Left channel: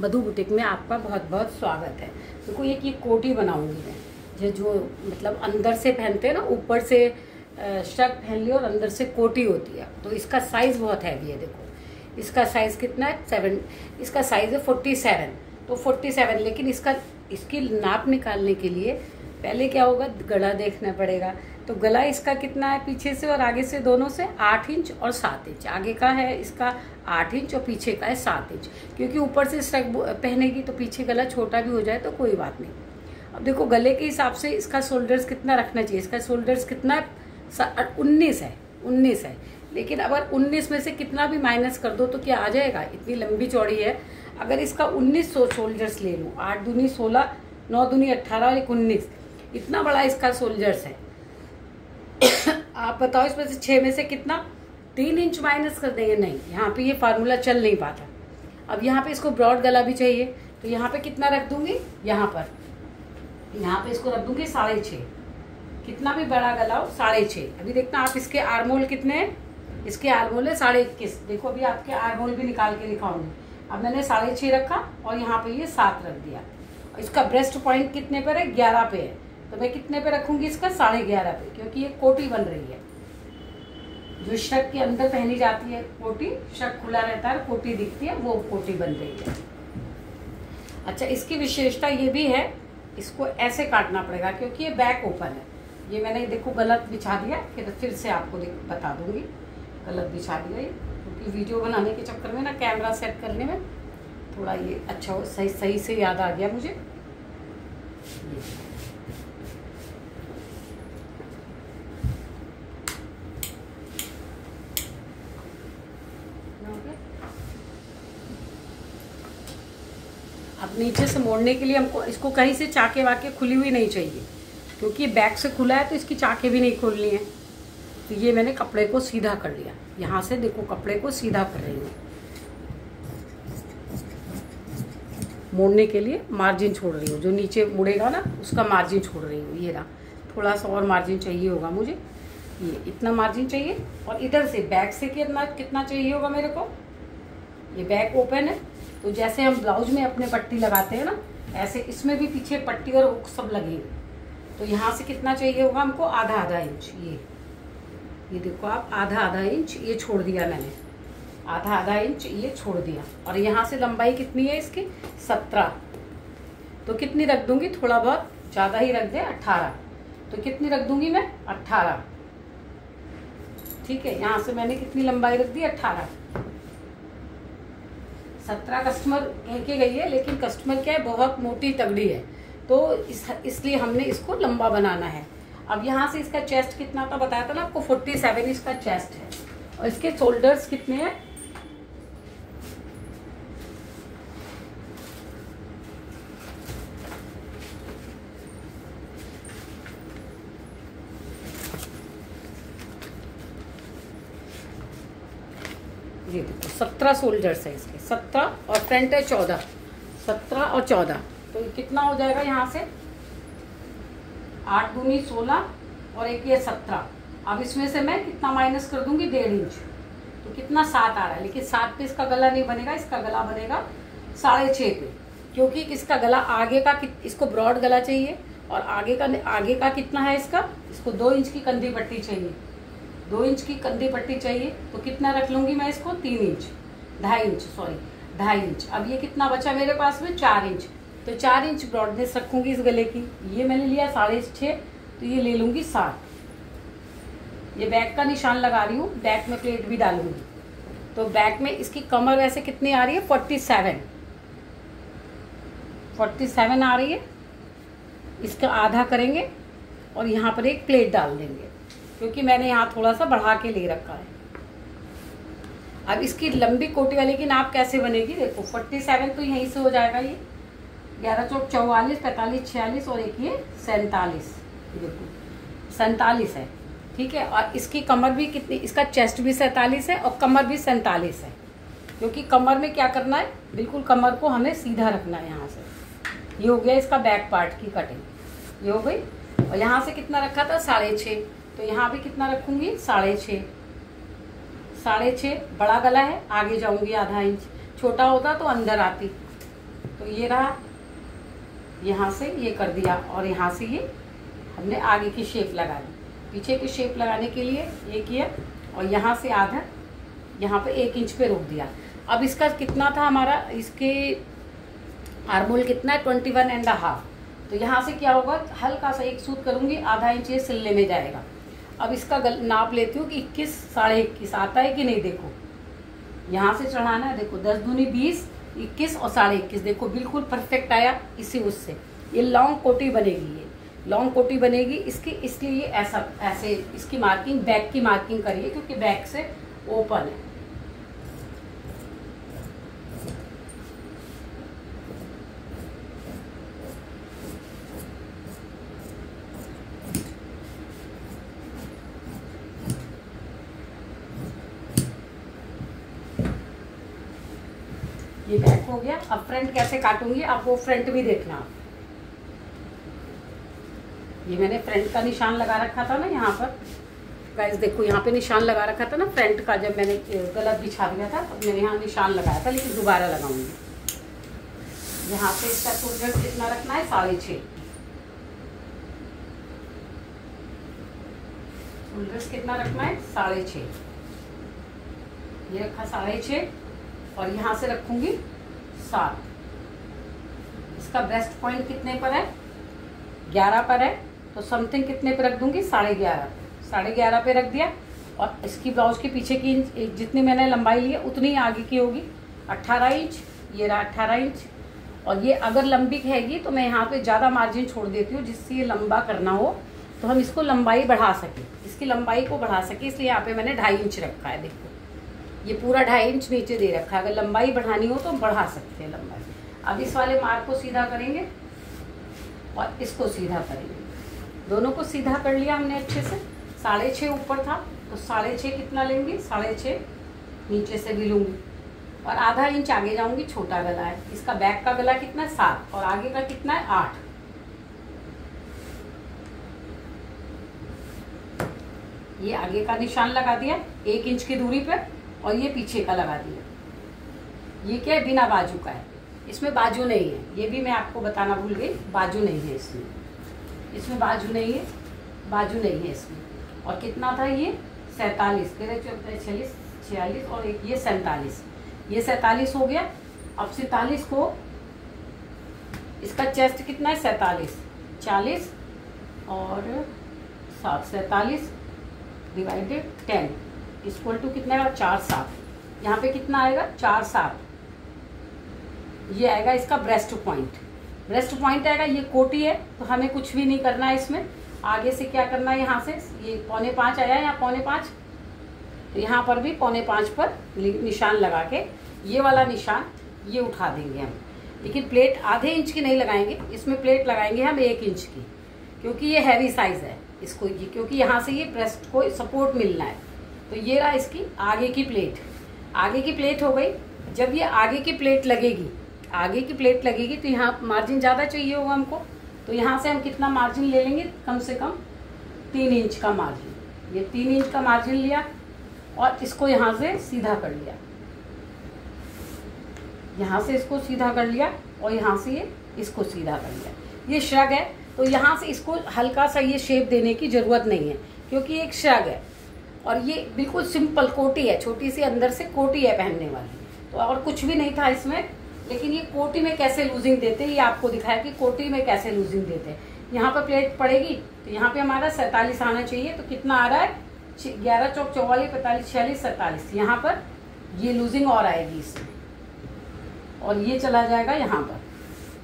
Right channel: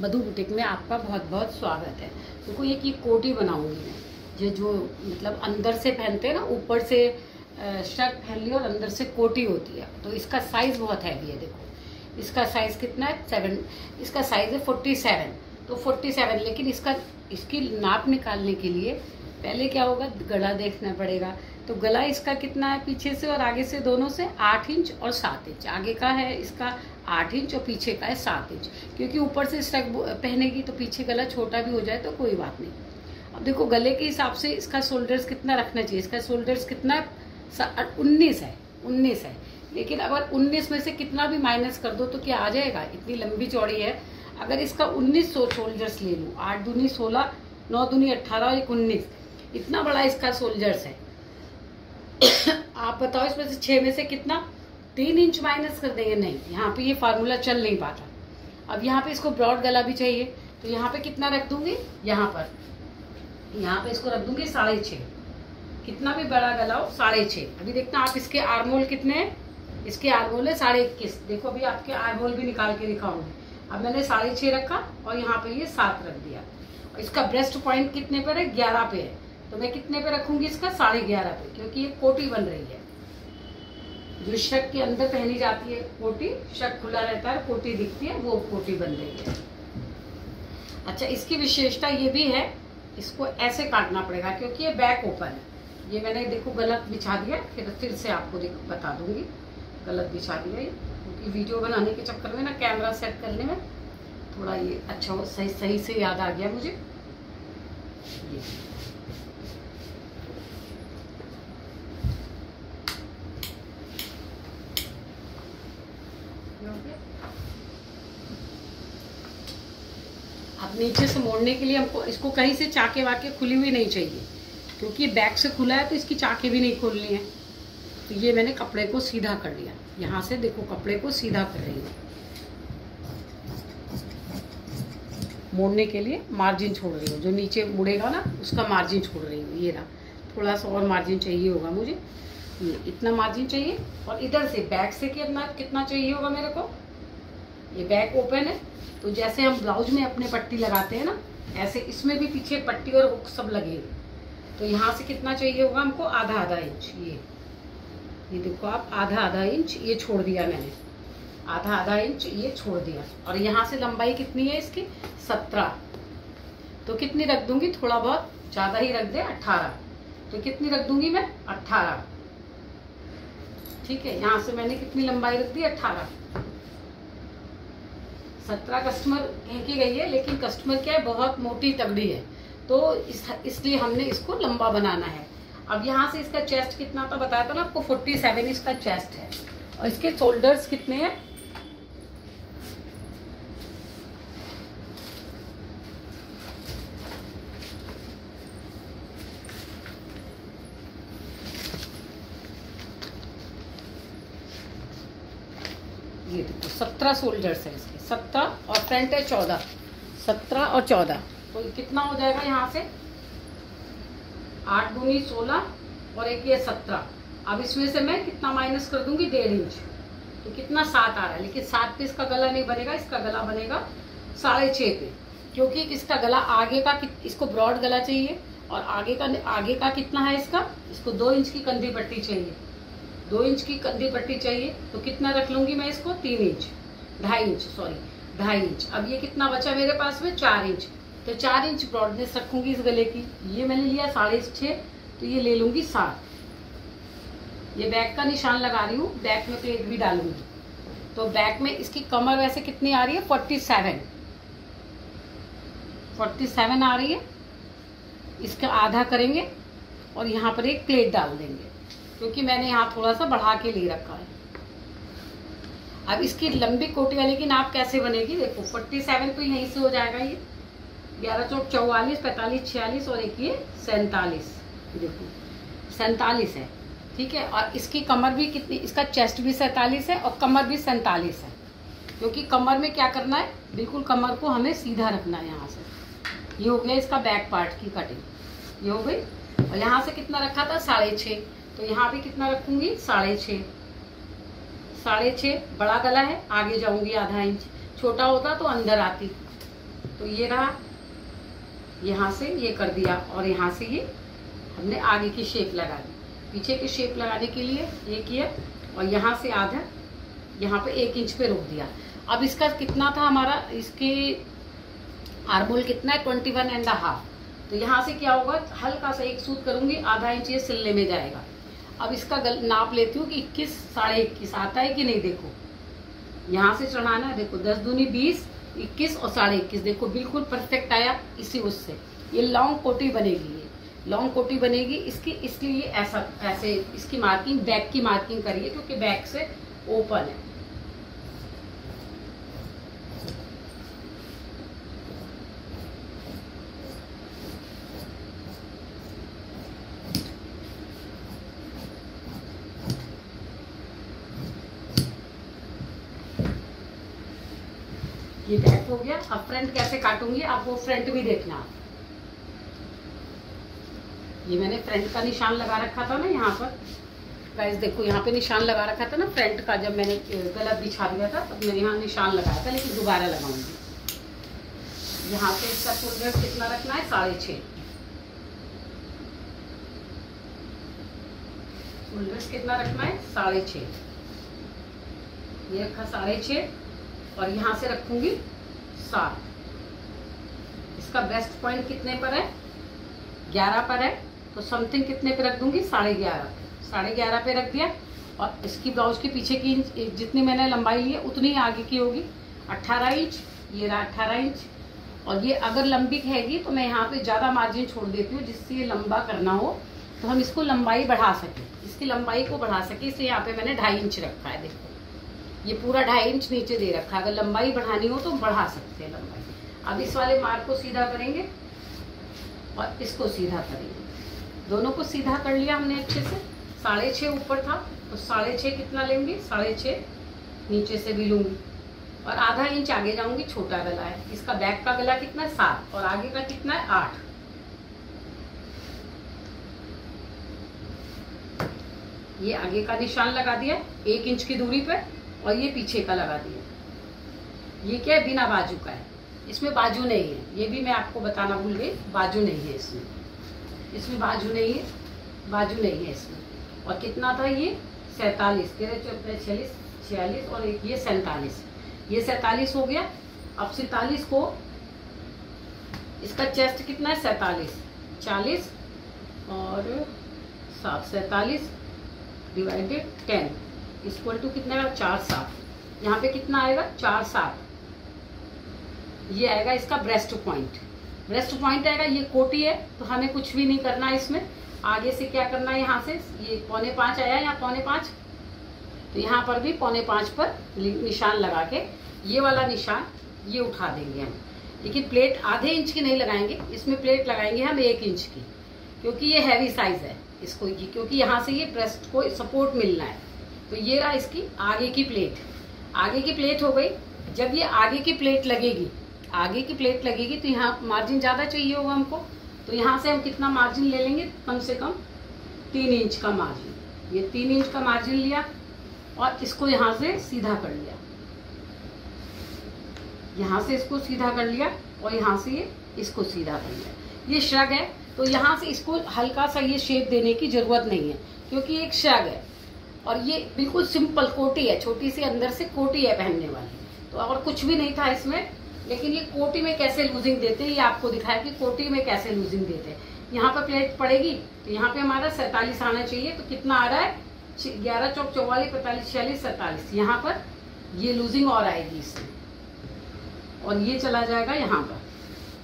मधु boutique में आपका बहुत बहुत स्वागत है। देखो ये कोटी बनाऊंगी मैं, ये जो मतलब अंदर से पहनते हैं ना, ऊपर से शर्ट पहन ली और अंदर से कोटी होती है। तो इसका साइज बहुत हैवी है। देखो इसका साइज कितना है, 7। इसका साइज है 47। तो 47, लेकिन इसकी नाप निकालने के लिए पहले क्या होगा, गला देखना पड़ेगा। तो गला इसका कितना है, पीछे से और आगे से दोनों से 8 इंच और 7 इंच। आगे का है इसका 8 इंच और पीछे का है 7 इंच, क्योंकि ऊपर से स्टक पहनेगी तो पीछे गला छोटा भी हो जाए तो कोई बात नहीं। अब देखो गले के हिसाब से इसका शोल्डर्स कितना रखना चाहिए। इसका शोल्डर्स कितना है, 19 है। लेकिन अगर 19 में से कितना भी माइनस कर दो तो क्या आ जाएगा, इतनी लंबी चौड़ी है। अगर इसका 1900 शोल्डर्स ले लूँ, 8 दूनी 16, 9 दूनी 18 और 19, इतना बड़ा इसका शोल्डर्स है। आप बताओ इसमें से 6 में से कितना, 3 इंच माइनस कर देंगे। नहीं, यहाँ पे ये फार्मूला चल नहीं पाता। अब यहाँ पे इसको ब्रॉड गला भी चाहिए, तो यहाँ पे कितना रख दूंगी, यहाँ पे इसको रख दूंगी 6.5। कितना भी बड़ा गला हो 6.5। अभी देखना आप इसके आर्मोल कितने हैं, इसके आर्मोल है 21.5। देखो अभी आपके आर्मोल भी निकाल के दिखाऊंगी। अब मैंने 6.5 रखा और यहाँ पे ये 7 रख दिया। इसका ब्रेस्ट पॉइंट कितने पर है, 11 पे है। तो मैं कितने पे रखूंगी, इसका 11.5 पे, क्योंकि ये कोटी बन रही है। जो शर्ट के अंदर पहनी जाती है कोटी, शर्ट खुला रहता है, कोटी दिखती है, वो कोटी बन रही है। अच्छा, इसकी विशेषता ये भी है, इसको ऐसे काटना पड़ेगा क्योंकि ये बैक ओपन है। ये मैंने देखो गलत बिछा दिया, फिर से आपको बता दूंगी, गलत बिछा दिया ये, क्योंकि वीडियो बनाने के चक्कर में ना कैमरा सेट करने में थोड़ा ये अच्छा हो, सही से याद आ गया मुझे। ये अब नीचे से मोड़ने के लिए हमको इसको कहीं से चाके वाके खुली हुई नहीं चाहिए, क्योंकि ये बैक से खुला है तो इसकी चाके भी नहीं खोलनी है। तो ये मैंने कपड़े को सीधा कर लिया, यहाँ से देखो कपड़े को सीधा कर रही हूँ। मोड़ने के लिए मार्जिन छोड़ रही हूँ, जो नीचे मुड़ेगा ना उसका मार्जिन छोड़ रही हूँ। ये रहा, थोड़ा सा और मार्जिन चाहिए होगा मुझे, इतना मार्जिन चाहिए। और इधर से बैक से कितना चाहिए होगा मेरे को। ये बैक ओपन है, तो जैसे हम ब्लाउज में अपने पट्टी लगाते हैं ना, ऐसे इसमें भी पीछे पट्टी और हुक सब लगेंगे। तो यहाँ से कितना चाहिए होगा हमको, आधा इंच। ये देखो आप, आधा इंच ये छोड़ दिया मैंने, आधा इंच ये छोड़ दिया। और यहाँ से लंबाई कितनी है इसकी, 17। तो कितनी रख दूंगी, थोड़ा बहुत ज़्यादा ही रख दे, 18। तो कितनी रख दूंगी मैं, 18। ठीक है, यहाँ से मैंने कितनी लंबाई रख दी, 18। 17 कस्टमर कह के गई है, लेकिन कस्टमर क्या है, बहुत मोटी तगड़ी है, तो इसलिए हमने इसको लंबा बनाना है। अब यहाँ से इसका चेस्ट कितना था बताया था ना आपको, 47 इसका चेस्ट है। और इसके शोल्डर्स कितने हैं, ये देखो 17 शोल्डर्स है इसके, 17 और फ्रंट है 14। 17 और 14, तो कितना हो जाएगा यहाँ से, 8 दूनी 16 और एक ये 17। अब इसमें से मैं कितना माइनस कर दूंगी, 1.5 इंच। तो कितना, 7 आ रहा है। लेकिन 7 पे इसका गला नहीं बनेगा, इसका गला बनेगा 6.5 पे, क्योंकि इसका गला आगे का, इसको ब्रॉड गला चाहिए। और आगे का कितना है इसको 2 इंच की कंधी पट्टी चाहिए, 2 इंच की कंधी पट्टी चाहिए। तो कितना रख लूंगी मैं इसको, 3 इंच, 2.5 इंच। अब ये कितना बचा मेरे पास में, 4 इंच। तो 4 इंच ब्रॉडनेस रखूंगी इस गले की। ये मैंने लिया 6.5, तो ये ले लूंगी 7। ये बैक का निशान लगा रही हूँ, बैक में प्लेट भी डालूंगी। तो बैक में इसकी कमर वैसे कितनी आ रही है, 47 आ रही है। इसका आधा करेंगे और यहाँ पर एक प्लेट डाल देंगे, क्योंकि मैंने यहाँ थोड़ा सा बढ़ा के ले रखा है। अब इसकी लंबी कोटी वाली की नाप कैसे बनेगी, देखो 47 तो यहीं से हो जाएगा। ये 11 चौक 44, 45, 46 और एक ये 47, देखो 47 है। ठीक है, और इसकी कमर भी कितनी, इसका चेस्ट भी 47 है और कमर भी 47 है, क्योंकि कमर में क्या करना है, बिल्कुल कमर को हमें सीधा रखना है। यहाँ से ये हो गया इसका बैक पार्ट की कटिंग, ये हो गई। और यहाँ से कितना रखा था, 6.5, तो यहाँ भी कितना रखूंगी, 6.5। बड़ा गला है, आगे जाऊंगी आधा इंच, छोटा होता तो अंदर आती। तो ये रहा, यहाँ से ये कर दिया और यहाँ से ये हमने आगे की शेप लगा दी। पीछे की शेप लगाने के लिए ये किया और यहाँ से आधा यहाँ पे 1 इंच पे रोक दिया। अब इसका कितना था हमारा, इसके आर्मोल कितना है 21.5। तो यहाँ से क्या होगा, हल्का सा एक सूत करूँगी, आधा इंच ये सिलने में जाएगा। अब इसका नाप लेती हूँ कि 21, 21.5 आता है कि नहीं। देखो यहाँ से चढ़ाना है, देखो 10 दूनी 20, 21 और 21.5, देखो बिल्कुल परफेक्ट आया। इसी उससे ये लॉन्ग कोटी बनेगी, ये लॉन्ग कोटी बनेगी इसकी, इसलिए ऐसा ऐसे इसकी मार्किंग बैक की मार्किंग करिए क्योंकि बैक से ओपन है। ये बैक हो गया। अब फ्रंट कैसे काटूंगी, आप वो फ्रंट भी देखना। ये मैंने फ्रंट का निशान लगा रखा था ना यहाँ पर, गाइस देखो यहाँ पे निशान लगा रखा था ना फ्रंट का, जब मैंने गला बिछा दिया था तब मैंने यहाँ निशान लगाया था, लेकिन दोबारा लगाऊंगी। यहाँ पे इसका फुल कितना रखना है, 6.5। फुल कितना रखना है, 6.5। ये रखा 6.5 और यहाँ से रखूंगी 7। इसका ब्रेस्ट पॉइंट कितने पर है, 11 पर है, तो समथिंग कितने पे रख दूंगी, 11.5 पे रख दिया। और इसकी ब्लाउज के पीछे की जितनी मैंने लंबाई ली है उतनी ही आगे की होगी, 18 इंच। ये रहा 18 इंच। और ये अगर लंबी रहेगी तो मैं यहाँ पे ज़्यादा मार्जिन छोड़ देती हूँ, जिससे ये लंबा करना हो तो हम इसको लंबाई बढ़ा सकें, इसकी लंबाई को बढ़ा सकें, इसलिए यहाँ पे मैंने 2.5 इंच रखा है। देखो ये पूरा 2.5 इंच नीचे दे रखा है, अगर लंबाई बढ़ानी हो तो बढ़ा सकते हैं लंबाई। अब इस वाले मार्क को सीधा करेंगे और इसको सीधा करेंगे, दोनों को सीधा कर लिया हमने अच्छे से। 6.5 ऊपर था तो 6.5 कितना लेंगे, 6.5 नीचे से भी लूंगी और आधा इंच आगे जाऊंगी। छोटा गला है इसका, बैक का गला कितना है 7 और आगे का कितना है 8। ये आगे का निशान लगा दिया 1 इंच की दूरी पे और ये पीछे का लगा दिया। ये क्या है, बिना बाजू का है, इसमें बाजू नहीं है, ये भी मैं आपको बताना भूल गई, बाजू नहीं है इसमें बाजू नहीं है, बाजू नहीं है इसमें। और कितना था ये 47, 13, 14, 46, 46 और एक ये 47, ये 47 हो गया। अब 47 को, इसका चेस्ट कितना है 47, 40 और 7, 47 डिवाइडेड 10 इक्वल टू कितना है 4, 7। यहाँ पे कितना आएगा 4, 7, ये आएगा इसका ब्रेस्ट पॉइंट। ब्रेस्ट पॉइंट आएगा, ये कोटी है तो हमें कुछ भी नहीं करना है इसमें। आगे से क्या करना है, यहाँ से ये 4.25 आया है, यहाँ 4.25, तो यहाँ पर भी 4.25 पर निशान लगा के ये वाला निशान ये उठा देंगे हम। लेकिन प्लेट आधे इंच की नहीं लगाएंगे, इसमें प्लेट लगाएंगे हम 1 इंच की, क्योंकि ये हैवी साइज है इसको, क्योंकि यहाँ से ये ब्रेस्ट को सपोर्ट मिलना है। तो ये रहा इसकी आगे की प्लेट, आगे की प्लेट हो गई। जब ये आगे की प्लेट लगेगी, आगे की प्लेट लगेगी तो यहाँ मार्जिन ज़्यादा चाहिए होगा हमको, तो यहाँ से हम कितना मार्जिन ले लेंगे, कम से कम 3 इंच का मार्जिन। ये 3 इंच का मार्जिन लिया और इसको यहाँ से सीधा कर लिया, यहाँ से इसको सीधा कर लिया और यहाँ से ये इसको सीधा कर लिया। ये श्रग है तो यहाँ से इसको हल्का सा ये शेप देने की जरूरत नहीं है, क्योंकि ये एक श्रग है और ये बिल्कुल सिंपल कोटी है, छोटी सी अंदर से कोटी है पहनने वाली, तो और कुछ भी नहीं था इसमें। लेकिन ये कोटी में कैसे लूजिंग देते हैं ये आपको दिखाया कि कोटी में कैसे लूजिंग देते हैं। यहाँ पर प्लेट पड़ेगी तो यहाँ पे हमारा 47 आना चाहिए, तो कितना आ रहा है 11 चौक 44, 45, 46, 47। यहाँ पर ये लूजिंग और आएगी इसमें, और ये चला जाएगा यहाँ पर,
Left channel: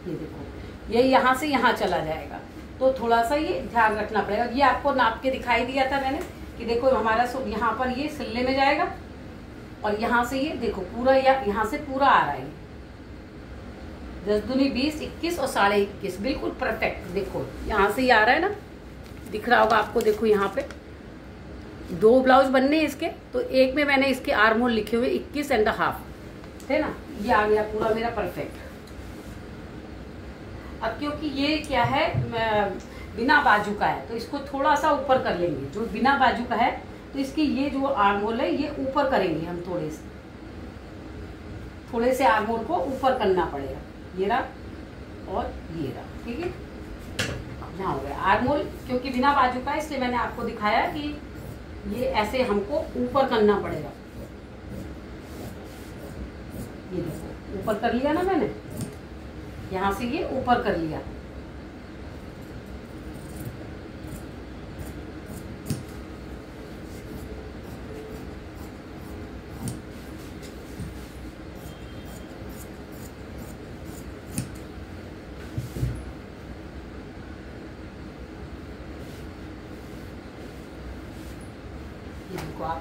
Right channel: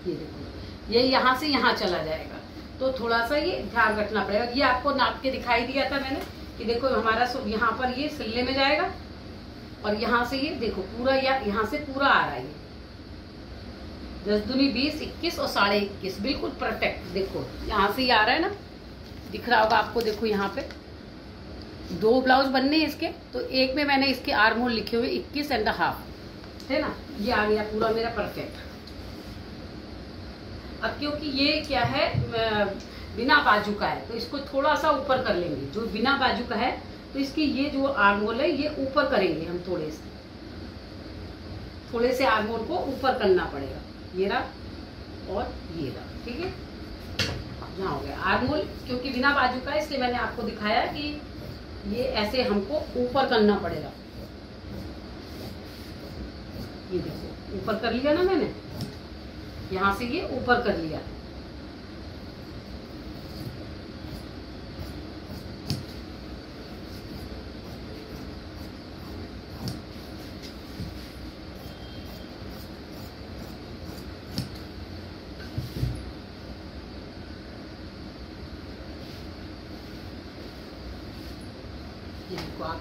ये देखो ये यहाँ से यहाँ चला जाएगा। तो थोड़ा सा ये ध्यान रखना पड़ेगा। ये आपको नाप के दिखाई दिया था मैंने कि देखो हमारा यहाँ पर ये सिलने में जाएगा और यहाँ से ये देखो पूरा यहाँ से पूरा आ रहा है, 10 दूनी 20, 21 और 21.5 बिल्कुल परफेक्ट। देखो यहाँ से ये आ रहा है ना, दिख रहा होगा आपको। देखो यहाँ पे 2 ब्लाउज बनने हैं इसके, तो एक में मैंने इसके आर्महोल लिखे हुए 21.5 है ना, ये आ गया पूरा मेरा परफेक्ट। अब क्योंकि ये क्या है बिना बाजू का है तो इसको थोड़ा सा ऊपर कर लेंगे। जो बिना बाजू का है तो इसकी ये जो आर्महोल है ये ऊपर करेंगे हम, थोड़े से आर्महोल को ऊपर करना पड़ेगा। ये रहा और ये रहा, ठीक है। यहाँ हो गया आर्म होल, क्योंकि बिना बाजू का इसलिए मैंने आपको दिखाया कि ये ऐसे हमको ऊपर करना पड़ेगा। ये देखो ऊपर कर लिया ना मैंने, यहाँ से ये ऊपर कर लिया।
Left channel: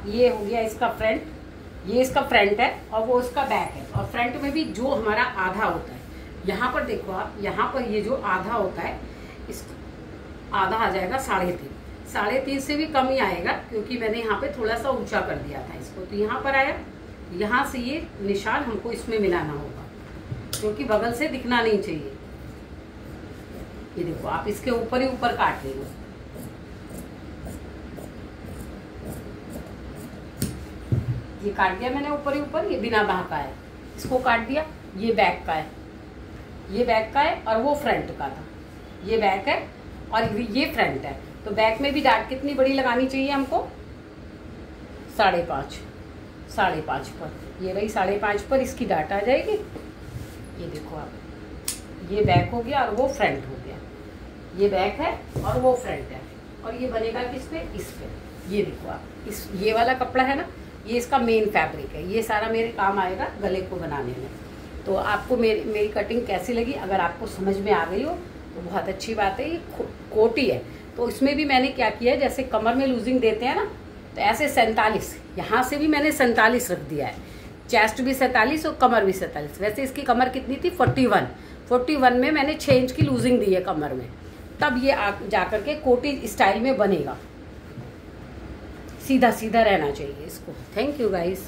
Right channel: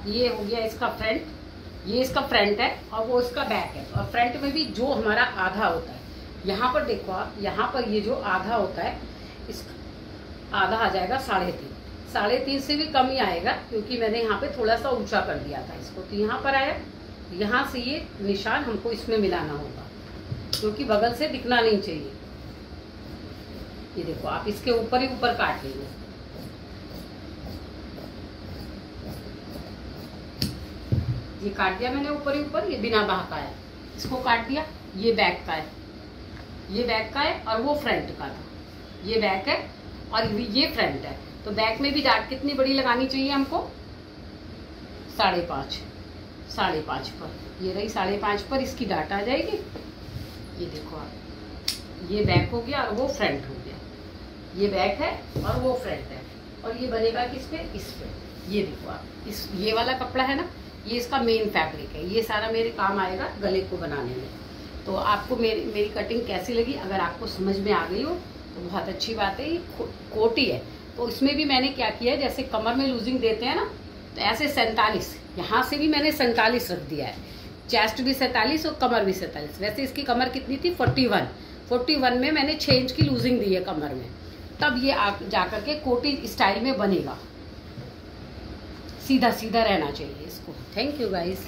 ये हो गया इसका फ्रंट, ये इसका फ्रंट है और वो इसका बैक है। और फ्रंट में भी जो हमारा आधा होता है, यहाँ पर देखो आप, यहाँ पर ये जो आधा होता है, इस आधा आ जाएगा 3.5, 3.5 से भी कम ही आएगा, क्योंकि मैंने यहाँ पे थोड़ा सा ऊंचा कर दिया था इसको। तो यहाँ पर आया, यहाँ से ये निशान हमको इसमें मिलाना होगा, क्योंकि बगल से दिखना नहीं चाहिए। ये देखो आप इसके ऊपर ही ऊपर काट लेंगे। ये काट दिया मैंने ऊपर ही ऊपर, ये बिना बाह का है, इसको काट दिया। ये बैक का है, ये बैक का है और वो फ्रंट का था। ये बैक है और ये फ्रंट है। तो बैक में भी डाट कितनी बड़ी लगानी चाहिए हमको? 5.5, 5.5 पर। ये रही 5.5 पर इसकी डाट आ जाएगी। ये देखो आप, ये बैक हो गया और वो फ्रंट हो गया। ये बैक है और वो फ्रंट है, और ये बनेगा किस पे? इस पे। ये देखो आप, इस ये वाला कपड़ा है ना, ये इसका मेन फैब्रिक है। ये सारा मेरे काम आएगा गले को बनाने में। तो आपको मेरी कटिंग कैसी लगी? अगर आपको समझ में आ गई हो तो बहुत अच्छी बात है। ये कोटी है, तो इसमें भी मैंने क्या किया है, जैसे कमर में लूजिंग देते हैं ना, तो ऐसे 47, यहाँ से भी मैंने 47 रख दिया है। चेस्ट भी 47 और कमर भी 47। वैसे इसकी कमर कितनी थी? 41 में मैंने 6 इंच की लूजिंग दी है कमर में। तब ये जाकर के कोटी स्टाइल में बनेगा। सीधा सीधा रहना चाहिए इसको। Thank you guys.